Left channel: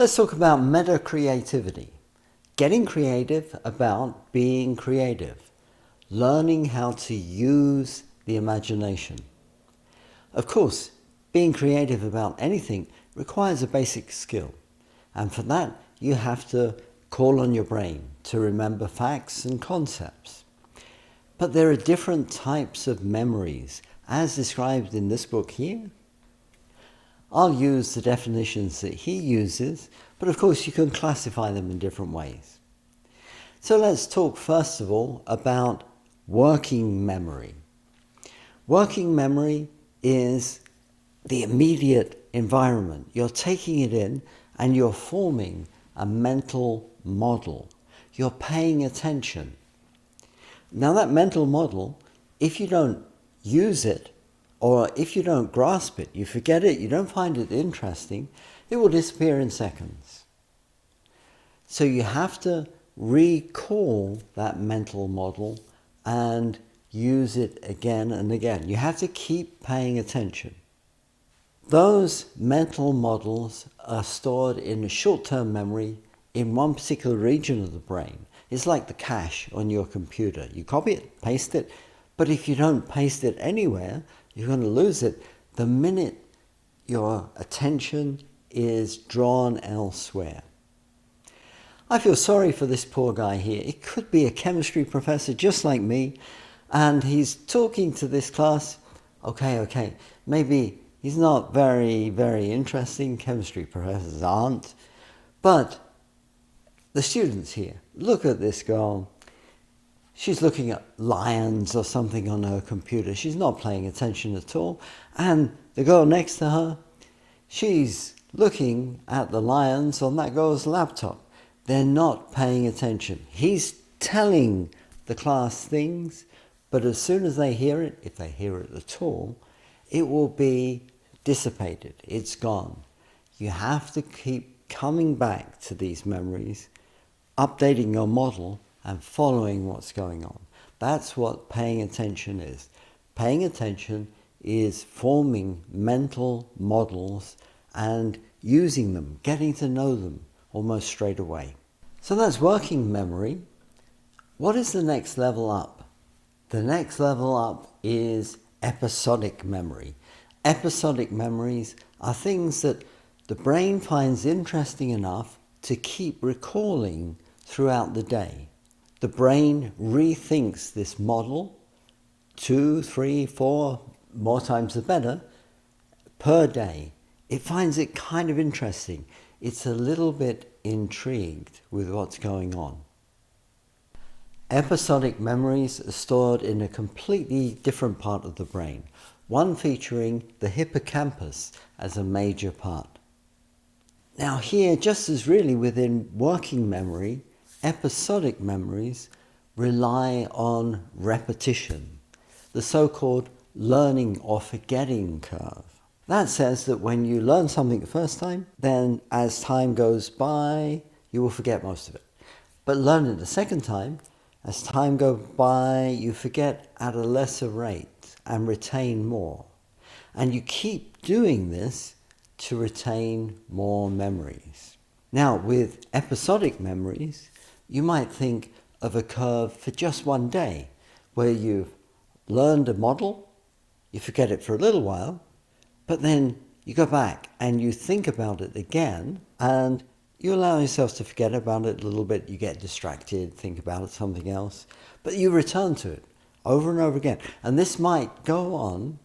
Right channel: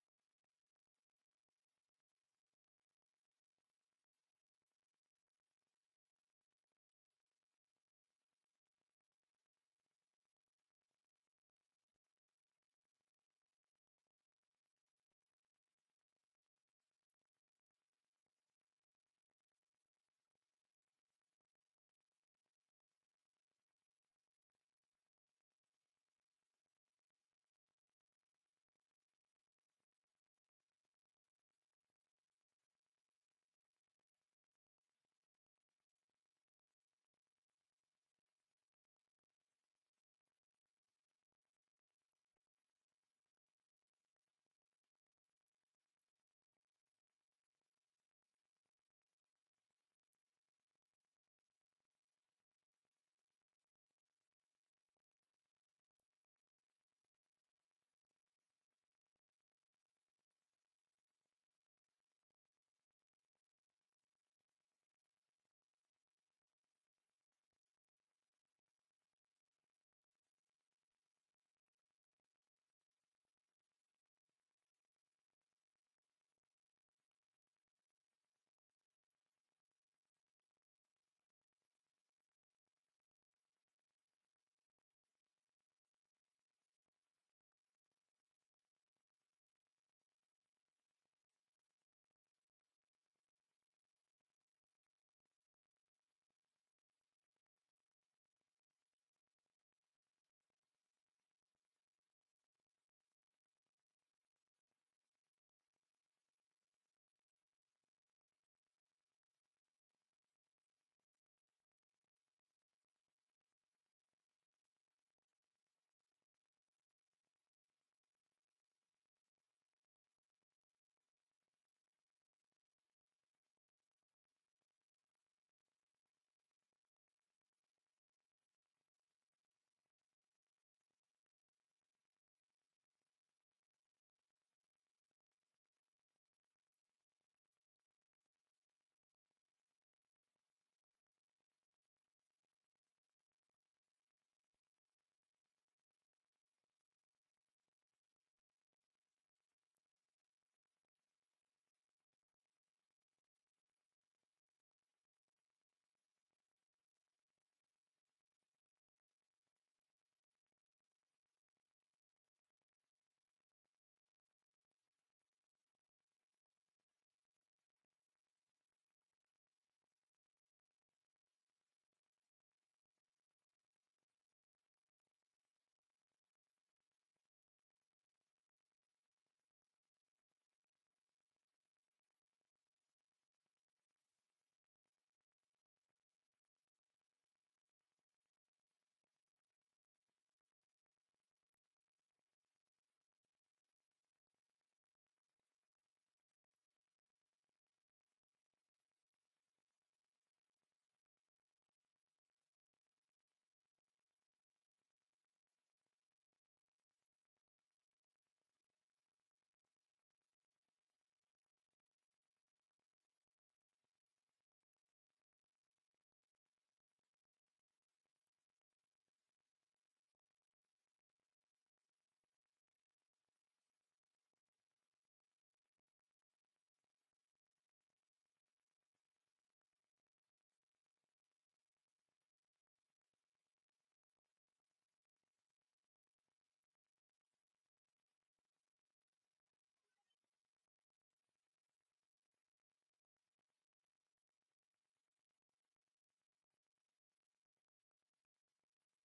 Let's talk about metacreativity. Getting creative about being creative. Learning how to use the imagination. Of course, being creative about anything requires a basic skill. And for that, you have to call on your brain to remember facts and concepts. But there are different types of memories, as described in this book here. I'll use the definitions that he uses, but of course you can classify them in different ways. So let's talk first of all about working memory. Working memory is the immediate environment. You're taking it in and you're forming a mental model. You're paying attention. Now that mental model, if you don't use it, or if you don't grasp it, you forget it, you don't find it interesting, it will disappear in seconds. So you have to recall that mental model and use it again and again. You have to keep paying attention. Those mental models are stored in a short-term memory in one particular region of the brain. It's like the cache on your computer. You copy it, paste it, but if you don't paste it anywhere, you're going to lose it the minute your attention is drawn elsewhere. I feel sorry for this poor guy here. It could be a chemistry professor just like me, and he's talking to this class. Okay, maybe he's not very interesting. Chemistry professors aren't. But the students here, look at this girl. She's looking at lions or something on her computer. She's not paying attention at all. And the girl next to her, she's looking at the lions on that girl's laptop. They're not paying attention. He's telling the class things, but as soon as they hear it, if they hear it at all, it will be dissipated. It's gone. You have to keep coming back to these memories, updating your model, and following what's going on. That's what paying attention is. Paying attention is forming mental models and using them, getting to know them almost straight away. So that's working memory. What is the next level up? The next level up is episodic memory. Episodic memories are things that the brain finds interesting enough to keep recalling throughout the day. The brain rethinks this model 2, 3, 4, more times the better, per day. It finds it kind of interesting. It's a little bit intrigued with what's going on. Episodic memories are stored in a completely different part of the brain, one featuring the hippocampus as a major part. Now here, just as really within working memory, episodic memories rely on repetition, the so-called learning or forgetting curve. That says that when you learn something the first time, then as time goes by, you will forget most of it. But learn it the second time, as time goes by, you forget at a lesser rate and retain more. And you keep doing this to retain more memories. Now, with episodic memories, you might think of a curve for just one day, where you've learned a model, you forget it for a little while, but then you go back and you think about it again, and you allow yourself to forget about it a little bit. You get distracted, think about something else, but you return to it over and over again. And this might go on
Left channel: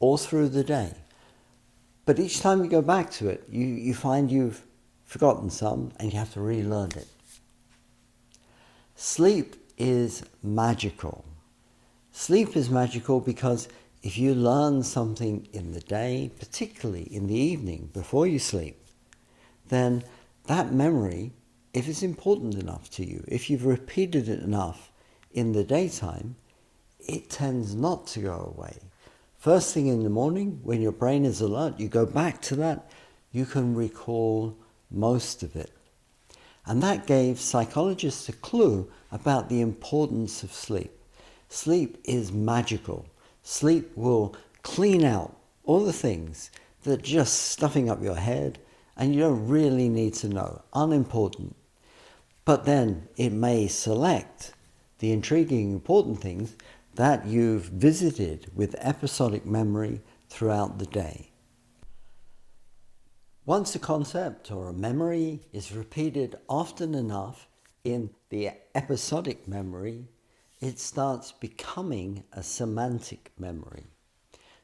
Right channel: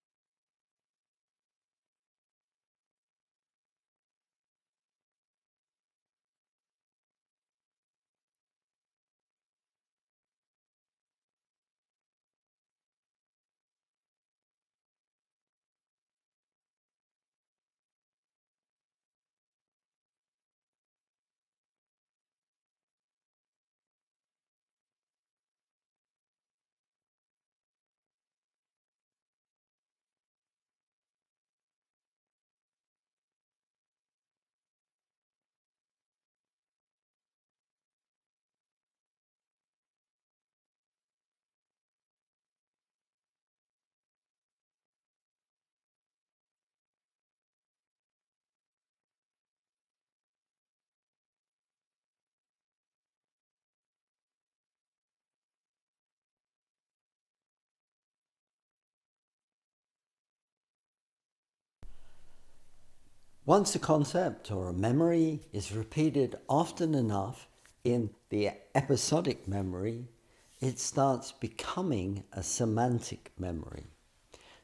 all through the day. But each time you go back to it, you find you've forgotten some and you have to relearn it. Sleep is magical. Sleep is magical because if you learn something in the day, particularly in the evening before you sleep, then that memory, if it's important enough to you, if you've repeated it enough in the daytime, it tends not to go away. First thing in the morning, when your brain is alert, you go back to that, you can recall most of it. And that gave psychologists a clue about the importance of sleep. Sleep is magical. Sleep will clean out all the things that are just stuffing up your head and you don't really need to know, unimportant. But then it may select the intriguing, important things that you've visited with episodic memory throughout the day. Once a concept or a memory is repeated often enough in the episodic memory, it starts becoming a semantic memory.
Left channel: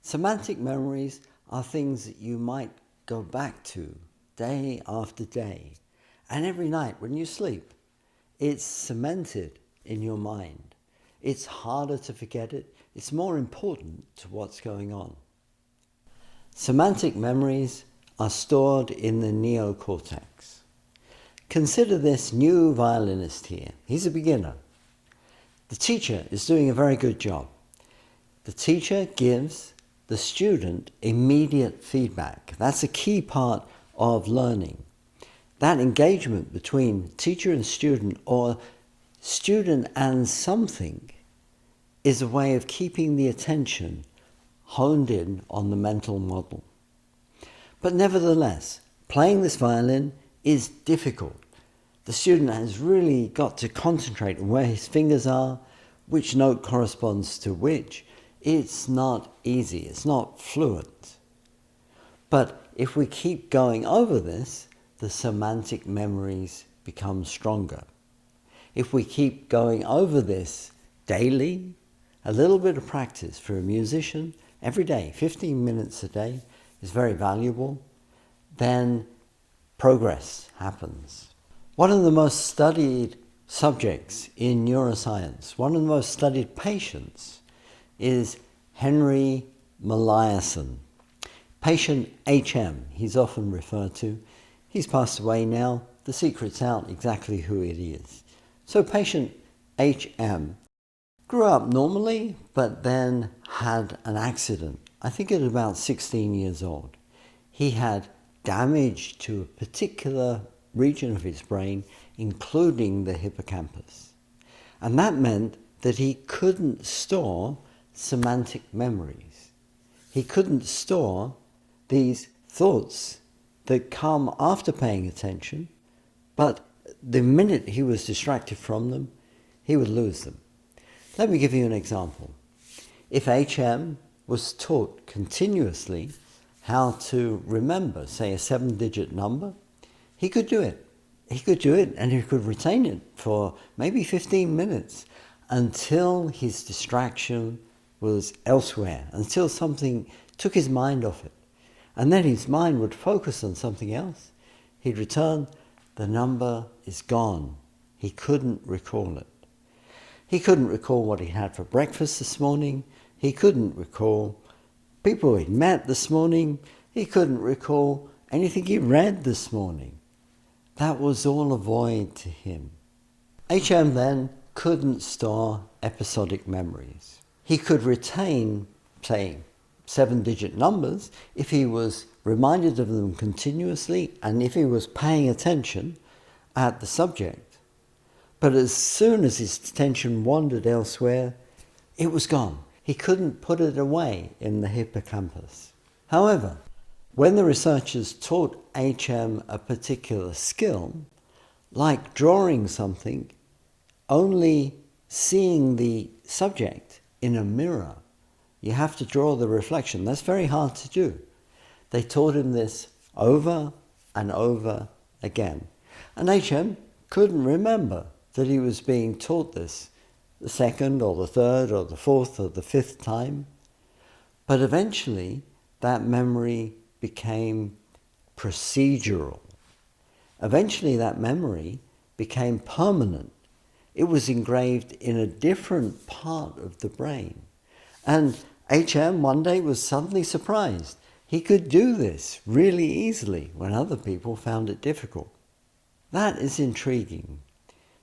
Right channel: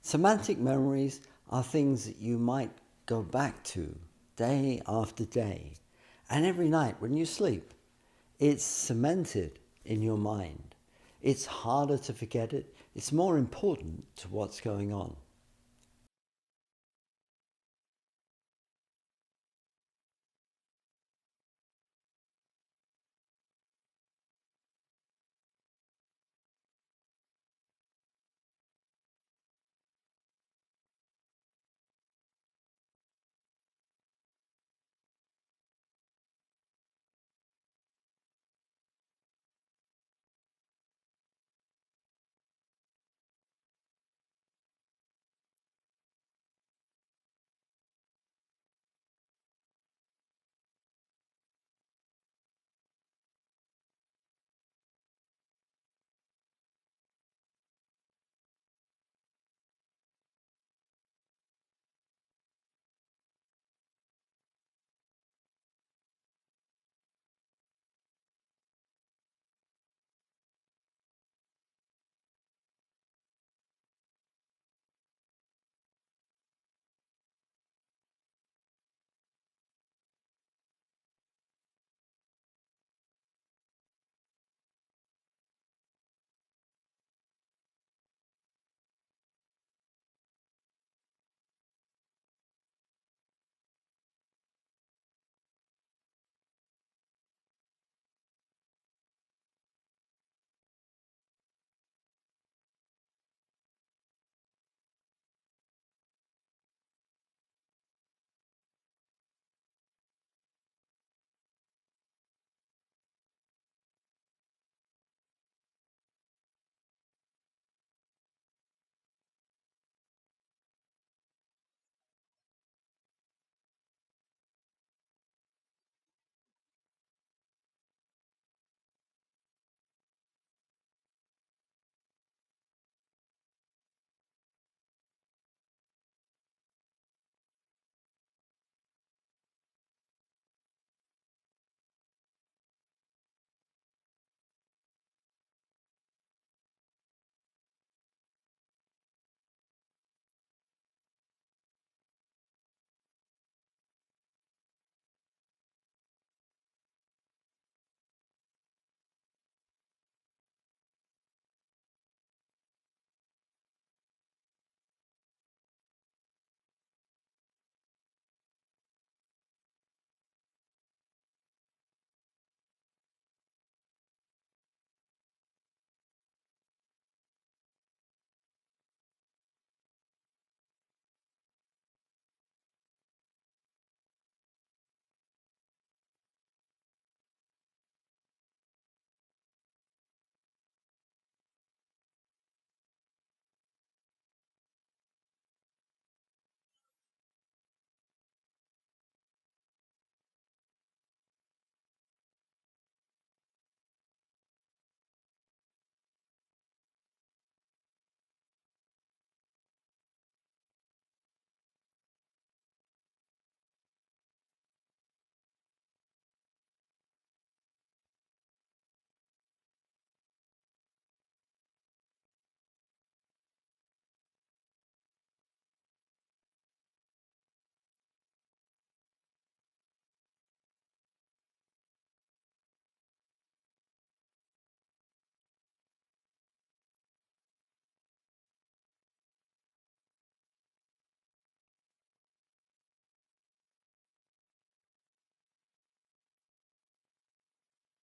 Semantic memories are things that you might go back to day after day, and every night when you sleep, it's cemented in your mind. It's harder to forget it. It's more important to what's going on. Semantic memories are stored in the neocortex. Consider this new violinist here. He's a beginner. The teacher is doing a very good job. The teacher gives the student immediate feedback. That's a key part of learning. That engagement between teacher and student, or student and something, is a way of keeping the attention honed in on the mental model. But nevertheless, playing this violin is difficult. The student has really got to concentrate on where his fingers are, which note corresponds to which. It's not easy, it's not fluent. But if we keep going over this, the semantic memories become stronger. If we keep going over this daily, a little bit of practice for a musician every day, 15 minutes a day, is very valuable, then progress happens. One of the most studied subjects in neuroscience, one of the most studied patients, is Henry Molaison. Patient HM, he's often referred to. He's passed away now. The secret's out exactly who it is. So patient HM grew up normally, but then had an accident, I think at about 16 years old. He had damage to a particular region of his brain, including the hippocampus. And that meant that he couldn't store semantic memories. He couldn't store these thoughts that come after paying attention, but the minute he was distracted from them, he would lose them. Let me give you an example. If HM was taught continuously how to remember, say, a 7-digit number, he could do it. He could do it, and he could retain it for maybe 15 minutes until his distraction was elsewhere, until something took his mind off it. And then his mind would focus on something else. He'd return, the number is gone. He couldn't recall it. He couldn't recall what he had for breakfast this morning. He couldn't recall people he'd met this morning. He couldn't recall anything he read this morning. That was all a void to him. HM then couldn't store episodic memories. He could retain, say, 7-digit numbers if he was reminded of them continuously and if he was paying attention at the subject. But as soon as his attention wandered elsewhere, it was gone. He couldn't put it away in the hippocampus. However, when the researchers taught HM a particular skill, like drawing something, only seeing the subject in a mirror, you have to draw the reflection. That's very hard to do. They taught him this over and over again. And HM couldn't remember that he was being taught this the second or the third or the fourth or the fifth time. But eventually that memory became procedural. Eventually that memory became permanent. It was engraved in a different part of the brain. And HM one day was suddenly surprised. He could do this really easily when other people found it difficult. That is intriguing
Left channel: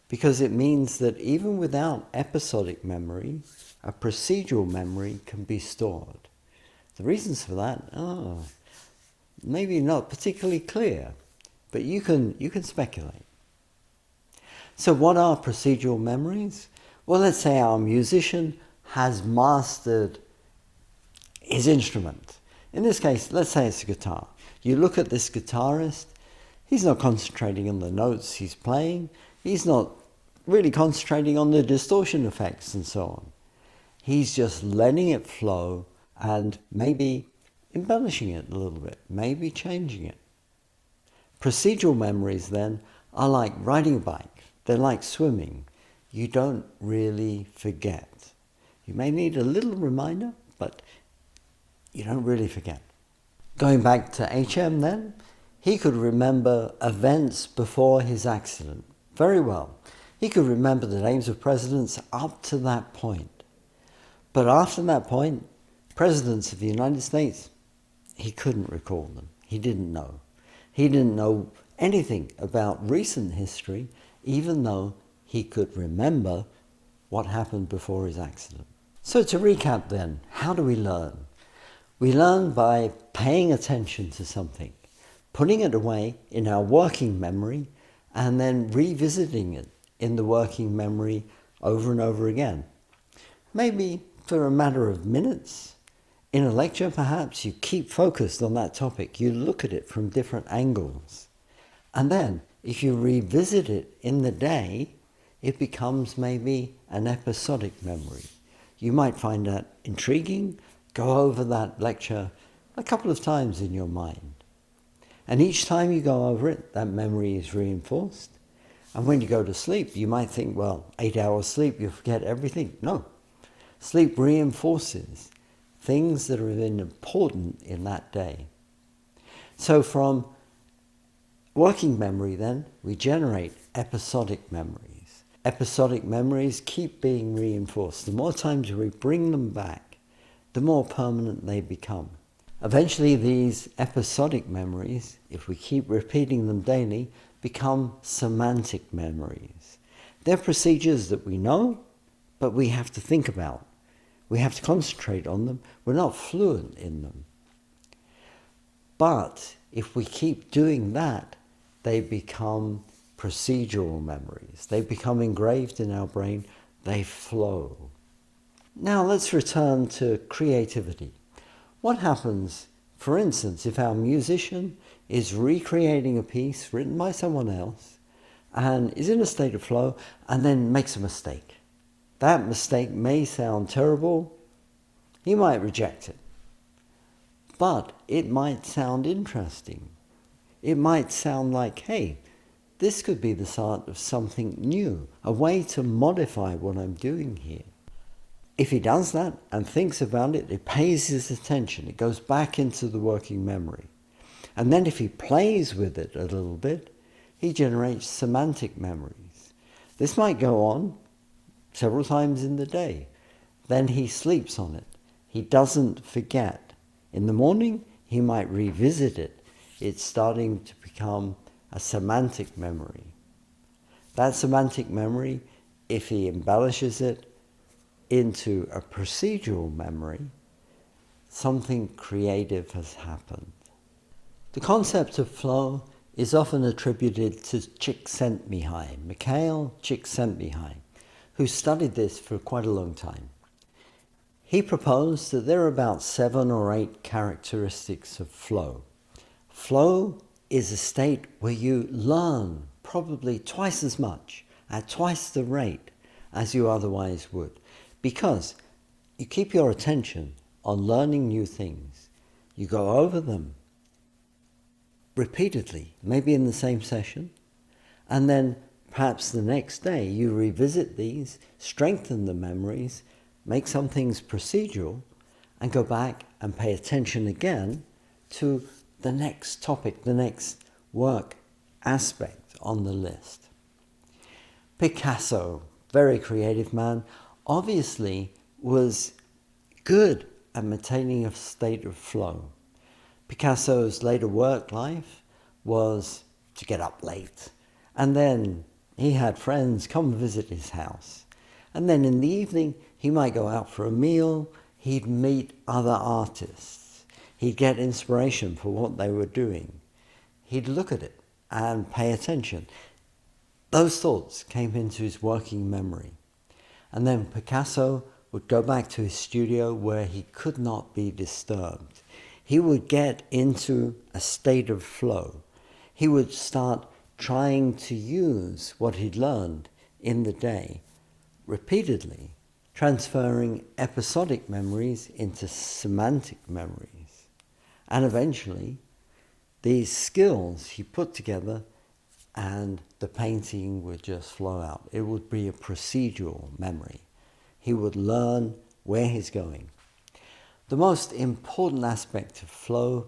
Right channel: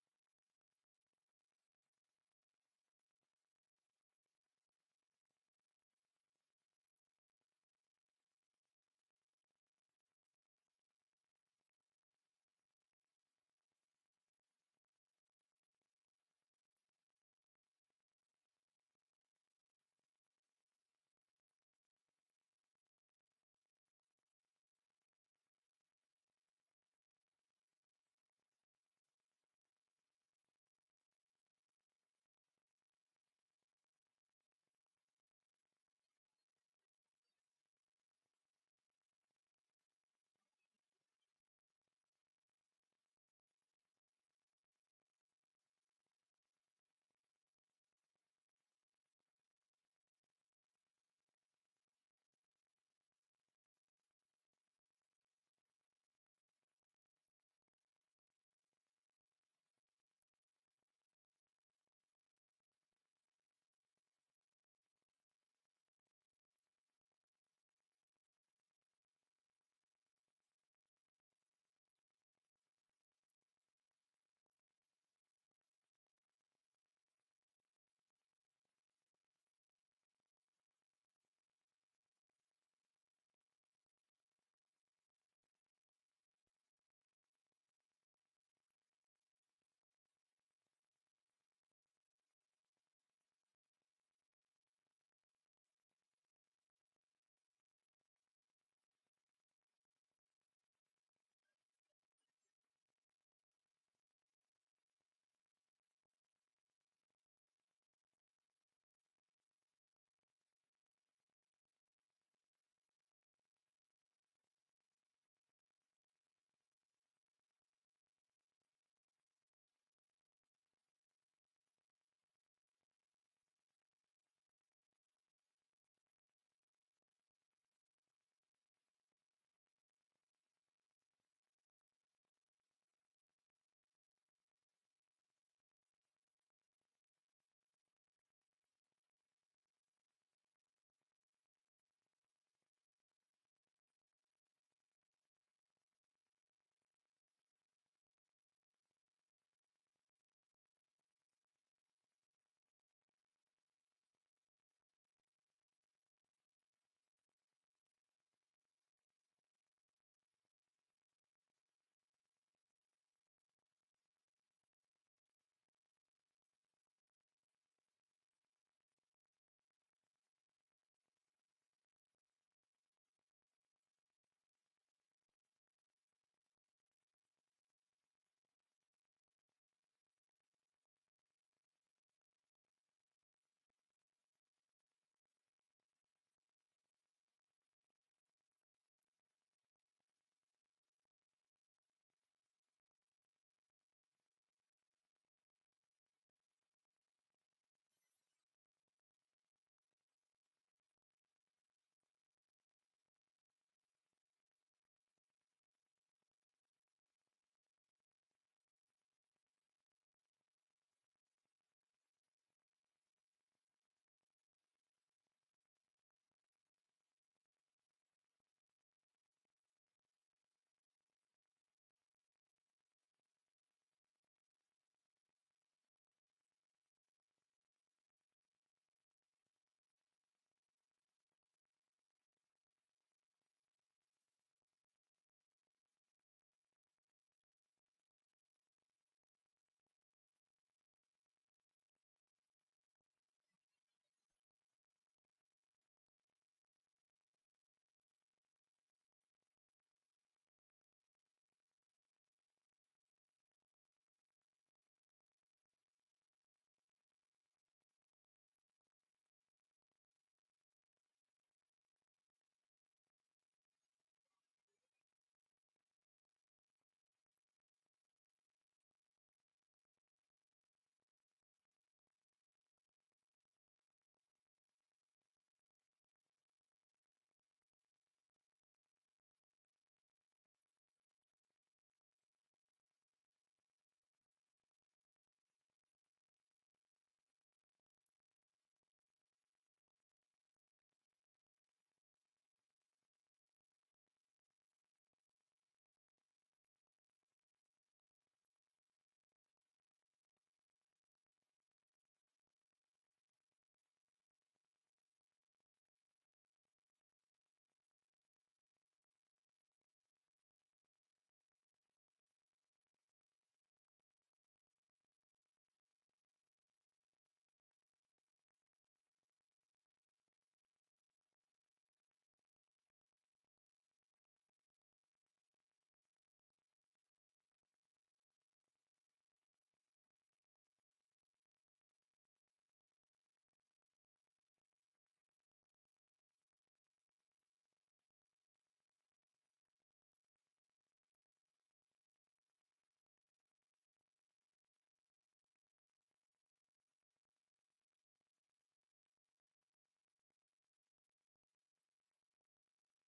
because it means that even without episodic memory, a procedural memory can be stored. The reasons for that are maybe not particularly clear, but you can speculate. So what are procedural memories? Well, let's say our musician has mastered his instrument. In this case, let's say it's a guitar. You look at this guitarist, He's not concentrating on the notes he's playing. He's not really concentrating on the distortion effects and so on. He's just letting it flow and maybe embellishing it a little bit, maybe changing it. Procedural memories then are like riding a bike. They're like swimming. You don't really forget. You may need a little reminder, but you don't really forget. Going back to CHEM then, he could remember events before his accident very well. He could remember the names of presidents up to that point. But after that point, presidents of the United States, he couldn't recall them. He didn't know. He didn't know anything about recent history, even though he could remember what happened before his accident. So to recap then, how do we learn? We learn by paying attention to something, putting it away in our working memory, and then revisiting it in the working memory over and over again. Maybe for a matter of minutes. In a lecture, perhaps, you keep focused on that topic. You look at it from different angles. And then, if you revisit it in the day, it becomes maybe an episodic memory. You might find that intriguing, go over that lecture a couple of times in your mind. And each time you go over it, that memory is reinforced. And when you go to sleep, you might think, well, 8 hours sleep, you forget everything. No. Sleep reinforces things that are important in that day. So from working memory then, we generate episodic memories. Episodic memories keep being reinforced. The more times we bring them back, the more permanent they become. Eventually these episodic memories, if we keep repeating them daily, become semantic memories. They're procedures that we know, but we have to think about. We have to concentrate on them. We're not fluent in them. But if we keep doing that, they become procedural memories. They become engraved in our brain. They flow. Now let's return to creativity. What happens, for instance, if our musician is recreating a piece written by someone else and is in a state of flow and then makes a mistake? That mistake may sound terrible. He might reject it. But it might sound interesting. It might sound like, hey, this could be the start of something new, a way to modify what I'm doing here. If he does that and thinks about it, it pays his attention. It goes back into the working memory. And then if he plays with it a little bit, he generates semantic memories. This might go on several times in the day. Then he sleeps on it. He doesn't forget. In the morning, he might revisit it. It's starting to become a semantic memory. That semantic memory, if he embellishes it into a procedural memory, something creative has happened. The concept of flow is often attributed to Mikhail Csikszentmihalyi, who studied this for quite a long time. He proposed that there are about 7 or 8 characteristics of flow. Flow is a state where you learn probably twice as much, at twice the rate as you otherwise would, because you keep your attention on learning new things. You go over them repeatedly, maybe in the same session, and then perhaps the next day you revisit these, strengthen the memories, make some things procedural, and go back and pay attention again to the next topic, the next work aspect on the list. Picasso, very creative man, obviously was good at maintaining a state of flow. Picasso's later work life was to get up late, and then he had friends come visit his house. And then in the evening, he might go out for a meal, he'd meet other artists, he'd get inspiration for what they were doing. He'd look at it and pay attention. Those thoughts came into his working memory. And then Picasso would go back to his studio where he could not be disturbed. He would get into a state of flow. he would start trying to use what he'd learned in the day repeatedly, transferring episodic memories into semantic memories. And eventually, these skills he put together and the painting would just flow out. It would be a procedural memory. He would learn where he's going. The most important aspect of flow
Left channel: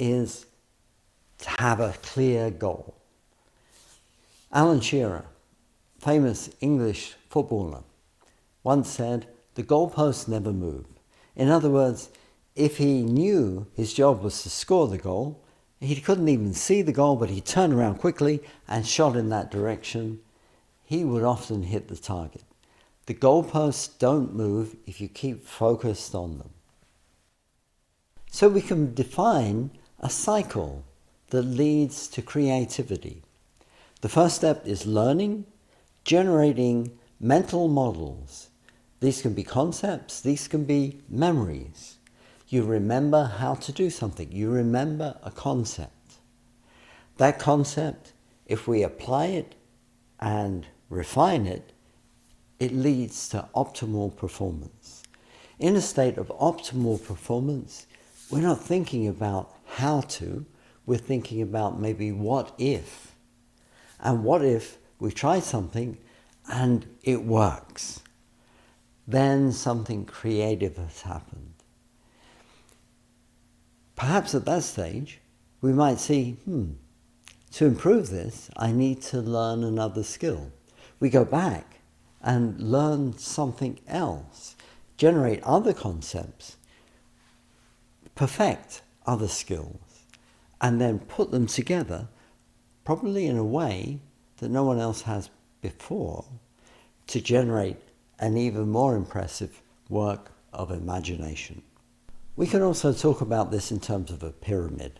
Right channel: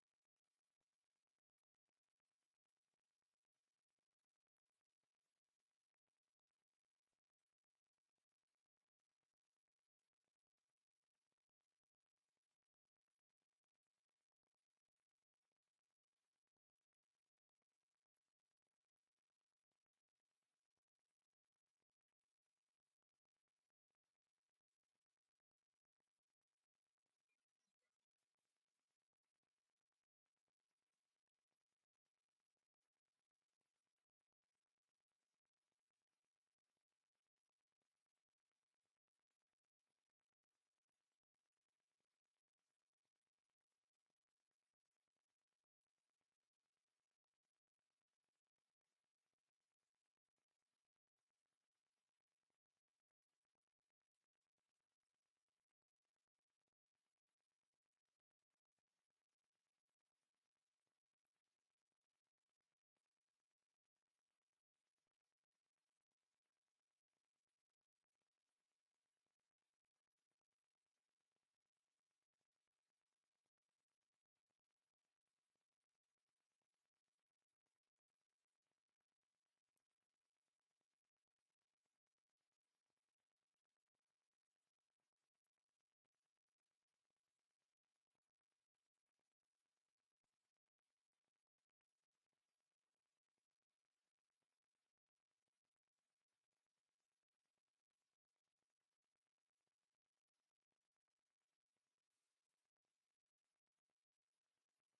is to have a clear goal. Alan Shearer, famous English footballer, once said, "The goalposts never move." In other words, if he knew his job was to score the goal, he couldn't even see the goal, but he turned around quickly and shot in that direction, he would often hit the target. The goalposts don't move if you keep focused on them. So we can define a cycle that leads to creativity. The first step is learning, generating mental models. These can be concepts, these can be memories. You remember how to do something. You remember a concept. That concept, if we apply it and refine it, it leads to optimal performance. In a state of optimal performance, we're not thinking about how to, we're thinking about maybe what if. And what if we try something and it works? Then something creative has happened. Perhaps at that stage, we might see, to improve this, I need to learn another skill. We go back and learn something else, generate other concepts, perfect other skills, and then put them together, probably in a way that no one else has before, to generate an even more impressive work of imagination. We can also talk about this in terms of a pyramid.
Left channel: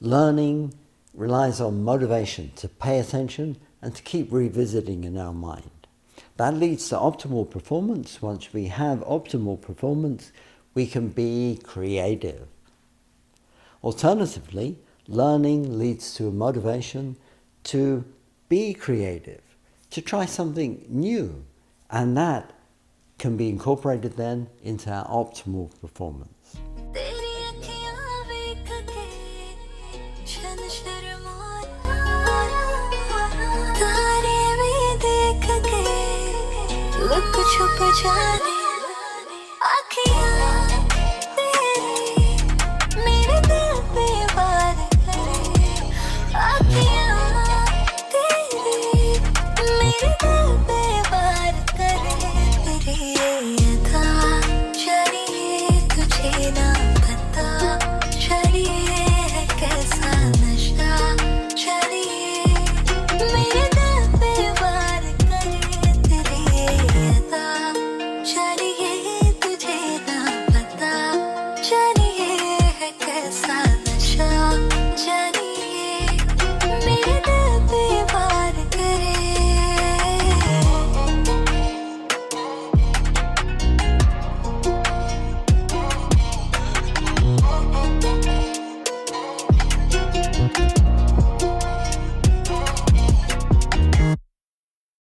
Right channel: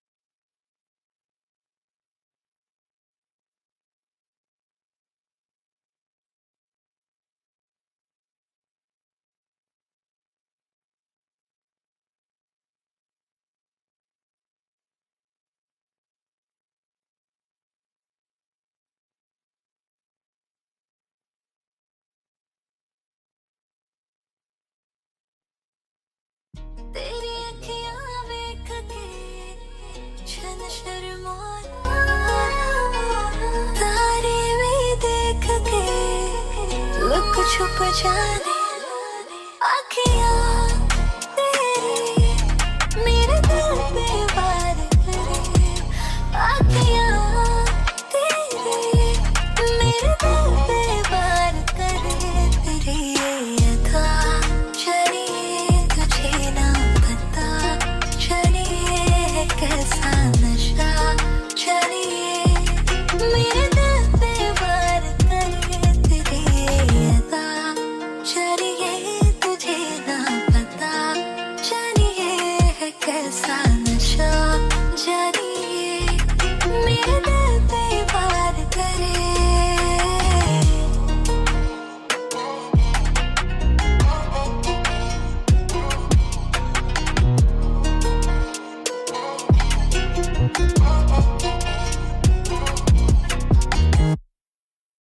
Learning relies on motivation to pay attention and to keep revisiting in our mind. That leads to optimal performance. Once we have optimal performance, we can be creative. Alternatively, learning leads to a motivation to be creative, to try something new, and that can be incorporated then into our optimal performance. Look छुप जाने आँखियाँ तेरी मेरे दिल पे वार करे आँखियाँ तेरी मेरे दिल पे वार करे तेरी ये अदा जानिए तुझे ना पता जानिए कैसा नशा